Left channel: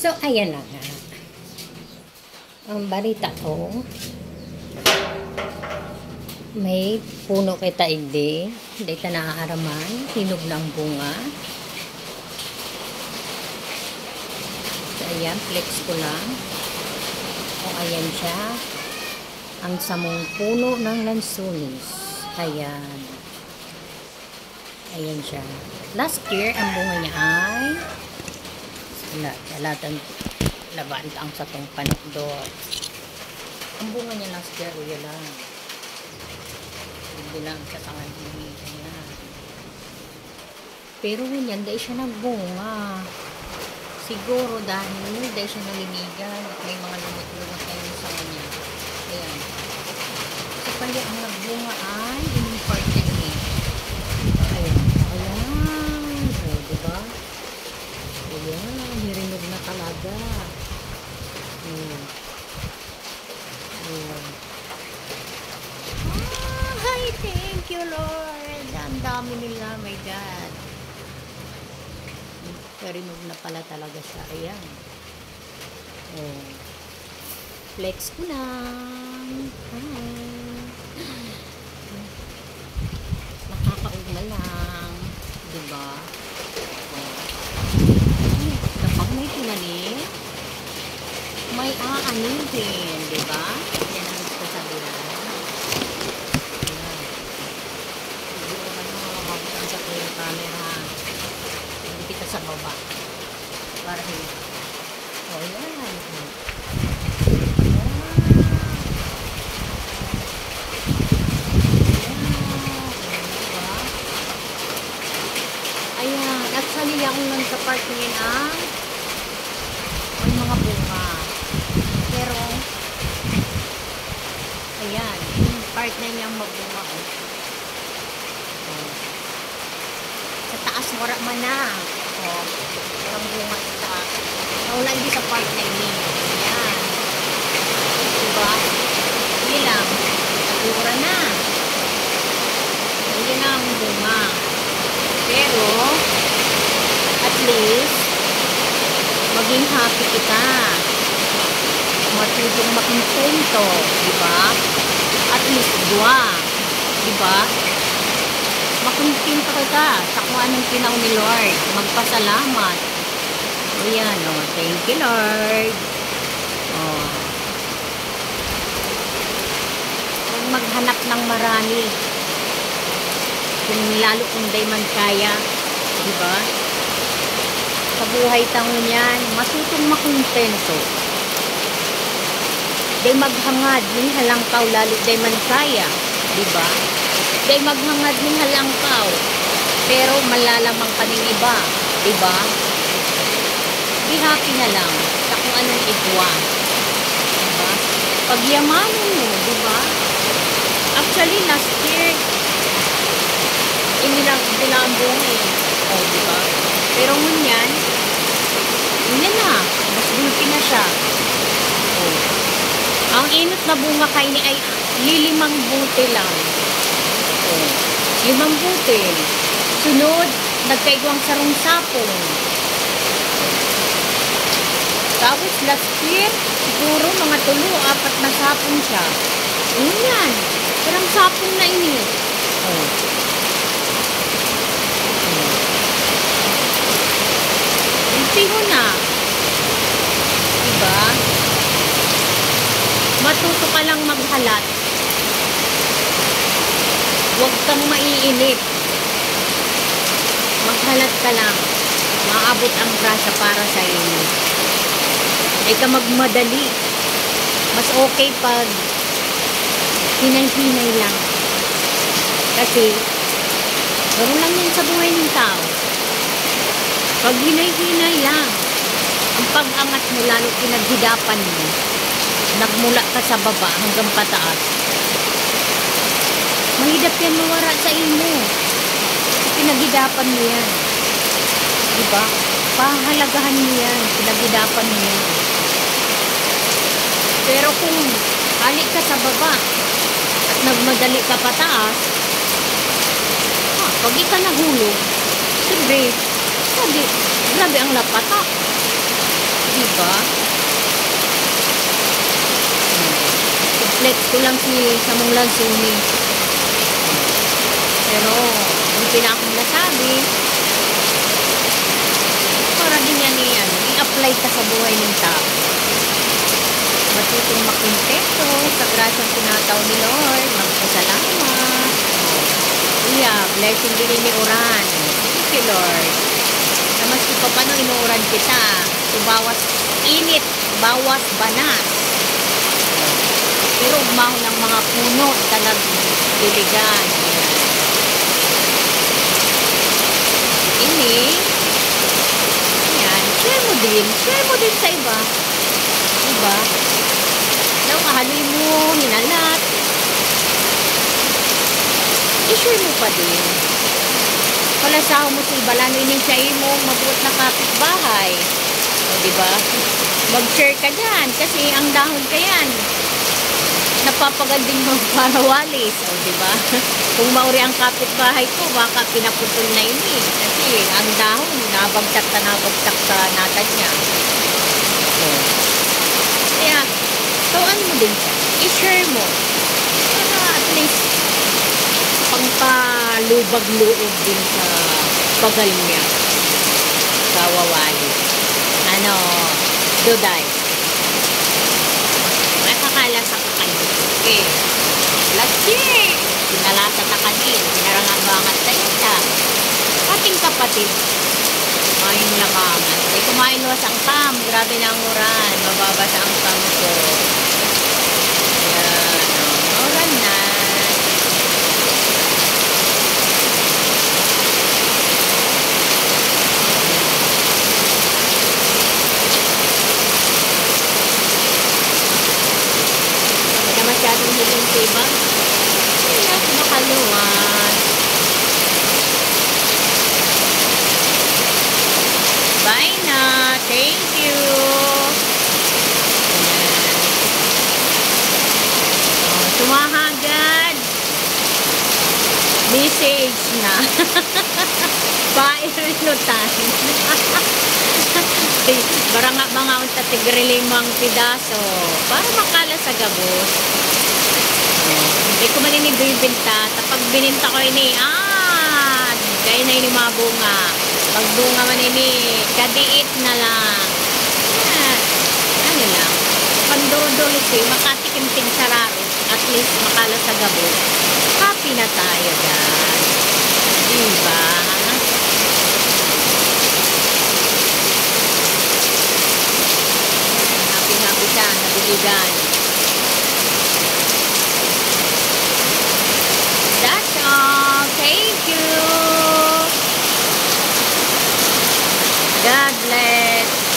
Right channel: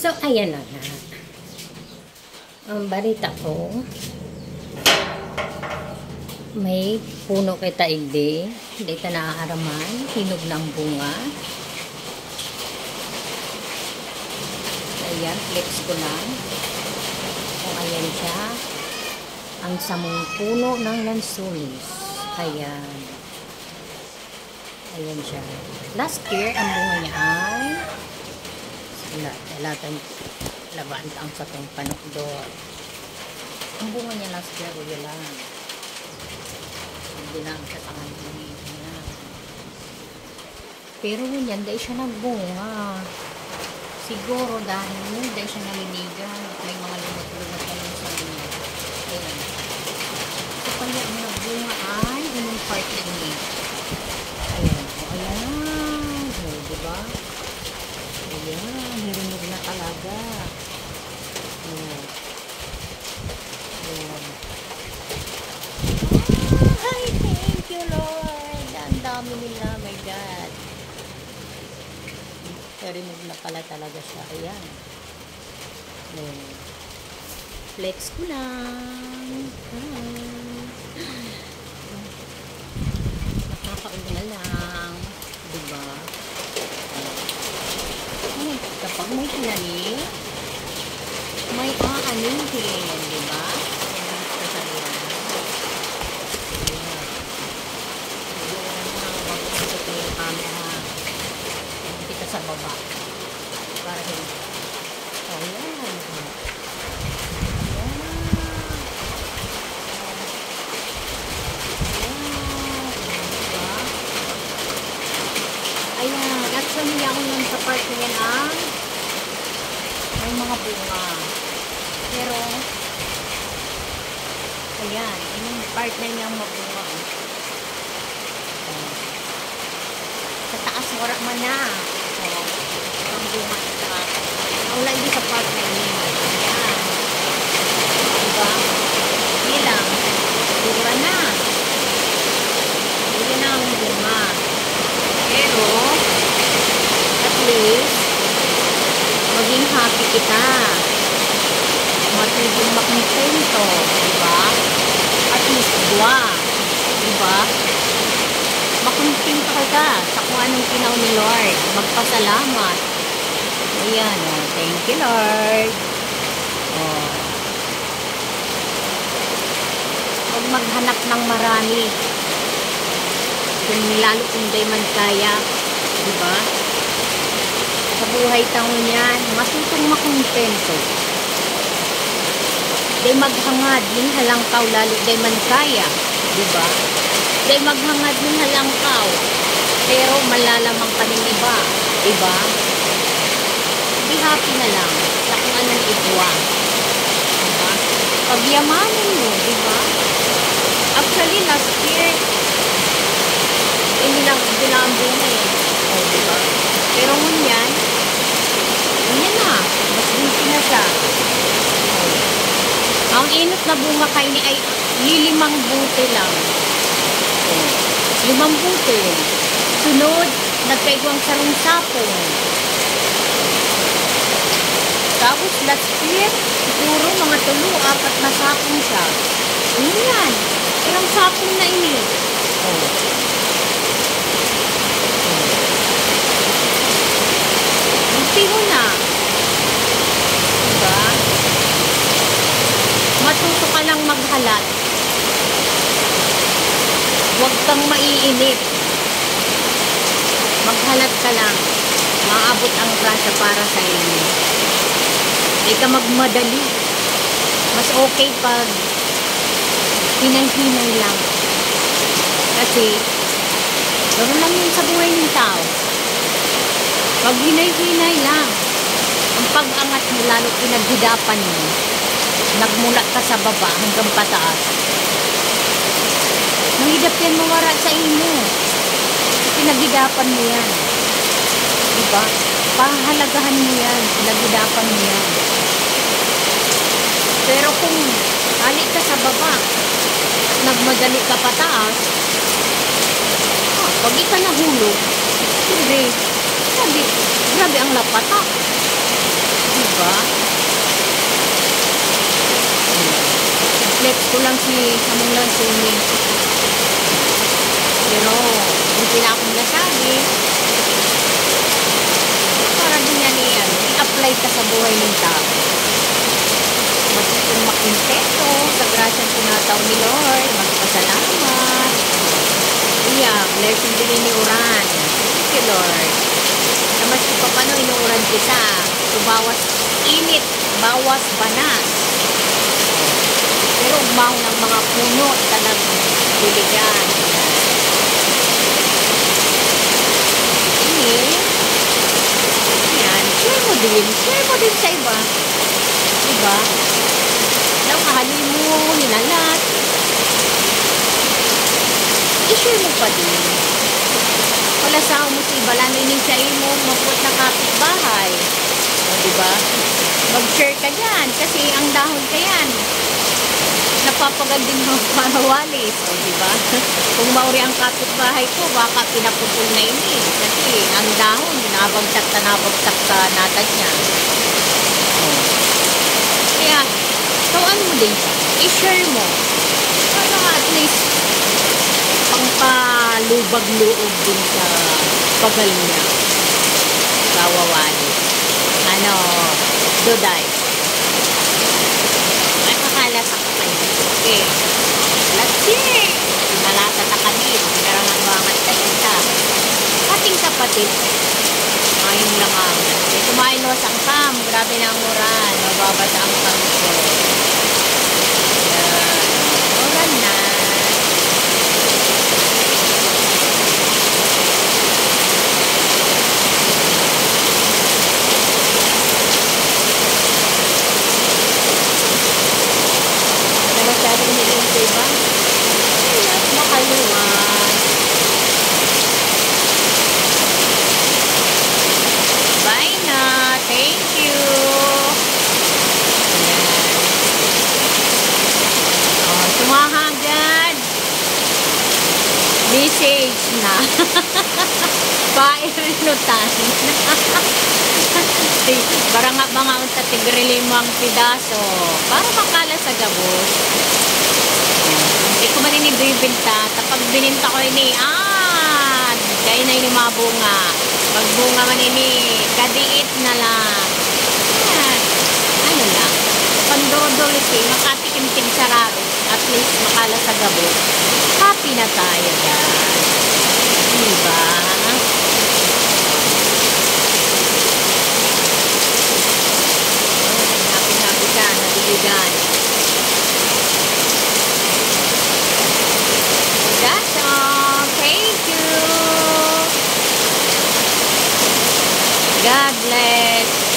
So, ayan na nga. Ang balita ko, may puno kay taigdi. Hindi ta naaaraman. Hinog ng bunga. So, ayan. Flex ko lang. So, ayan siya. Ang samong puno ng lansunis. Ayan. Ayan siya. Last year, ang bunga niya ay laban ang katong panukdot. Ang bunga niya last year, yun lang. Hindi lang sa tangan niya. Pero ganyan, dahil siya nagbunga. Siguro dahil siya nalinigan at may mga lumot-lumot kayo sa kanya. Ayan. So, kaya ang nagbunga ay yung party niya. Ayan. Ayan. So, diba? Ayan. Hirinig na talaga. Ayan. Ayan. Ay, thank you, Lord. Ang dami nila, my God. Hirinig na pala talaga siya. Ayan. Ayan. Flex ko lang. Makakauna lang. Diba? Ay, kapag may tinanim, may aanihin. Diba? Yan ang sasabihin mo. Ayan. Siguro na nakabagpagkat mo yung camera. Hindi ka sa baba. Para hindi. O, yan. Ayan, actually ako lang sa part na yan may mga bunga. Pero, ayan, yung part na niyang magbunga. Sa taas, wala man na. Ang bunga sa taas. Wala hindi sa part na yun. Ayan. Diba? Hindi lang. Tira na. Hindi na ang bunga. Pero, at least, maging happy kita. Matulong makontento, diba? At least, dua. Diba? Makontento kita sa kung anong pinaw ni Lord. Magpasalamat. Ayan, oh. Thank you, Lord. Oh. Huwag maghanap ng marami. Kung lalo kung day man kaya, di ba? Sa buhay taon yan, matutong makontento. Day maghangad ning halangkaw lalo day man kaya, di ba? Day maghangad ning halangkaw, pero malalamang pa ning iba, di ba? Be happy na lang sa kung anong ibwa, di ba? Pagyamanin mo, di ba? Actually, last year, hindi lang ang bunga eh. O, diba? Pero ngunyan, yun na. Mas bunti na siya. O. Ang inot na bunga kayo ni ay lilimang buti lang. O. 5 buti. Sunod, nagkaigwang sarong sapong. Tapos last year, siguro mga 3-4 na sapong siya. Ngunyan. Sarang sapong na ini. O. Mo na. Diba? Matuto ka lang maghalat. Huwag kang maiinip. Maghalat ka lang. Maabot ang grasya para sa inyo. Hindi ka magmadali. Mas okay pag hinay-hinay lang. Kasi, garo lang yan sa buhay ng tao. Pag hinay-hinay lang, ang pag-angat mo, lalo pinaghidapan mo, nagmula ka sa baba hanggang pataas. Mahidap yan mawara sa imo. Pinaghidapan mo yan. Diba? Pahalagahan mo yan. Pinaghidapan mo yan. Pero kung halik ka sa baba at nagmadali ka pataas, pag ka nahulog, siyempre, grabe ang lapata. Diba? Diba? Flex ko lang si Samong Lansuni. Pero, kung pina akong nasabi, para din yan i-apply ka sa buhay ng tao. Matutong makontento sa grasyang tinataw ni Lord. Magpasalamat. Yeah, blessing din ni Uran. Thank you, Lord. Na maski pa paano inuuran kita. So, bawas init, bawas banas. Pero umahon ng mga puno talagang diligan. Ini, yan, share mo din. Share mo din sa iba. Diba? Nang ahaloy mo, hinalat. I-share mo pa din. Palasaw mo sa iba, lalo inisyain mo, mabuot na kapitbahay. O, diba? Mag-share ka dyan, kasi ang dahon ka yan. Napapaganding mo para walis. O, diba? Kung mauri ang kapitbahay ko, baka pinaputol na ini. Kasi ang dahon, nabagsak sa nata niya. O. Kaya, tawaan mo din siya. I-share mo. Para at least, pangpalubag-loob din sa bagal niya. Sa wawali. Ano, Duday. May kakala sa kakanil. Okay. Latsi! Pinalasa ta kanil. Pinarangabangat kayo sa ating kapatid. Mayong langaman. E kumailos ang kam. Grabe na ang uran. Mababasa ang kam ko. Yan. Uran na. Masyadong hiling ko iba. Kaya makaluwan. Bye na. Thank you. Ayan. Oh, tumahagad. Message na. Pairunutan. Baranga unta tigrilimang pidaso para makala sa gabos. Hindi ko maninigoy binta. Tapag bininta ko ini, kaya na ini mga bunga. Magbunga man ini, kadiit na lang. Ano lang, pandodolisi, makatikim-tim sararo. At least makala sa gabos. Happy na tayo dyan. Diba? Happy siya, nabiligan. That's all. Thank you. God bless.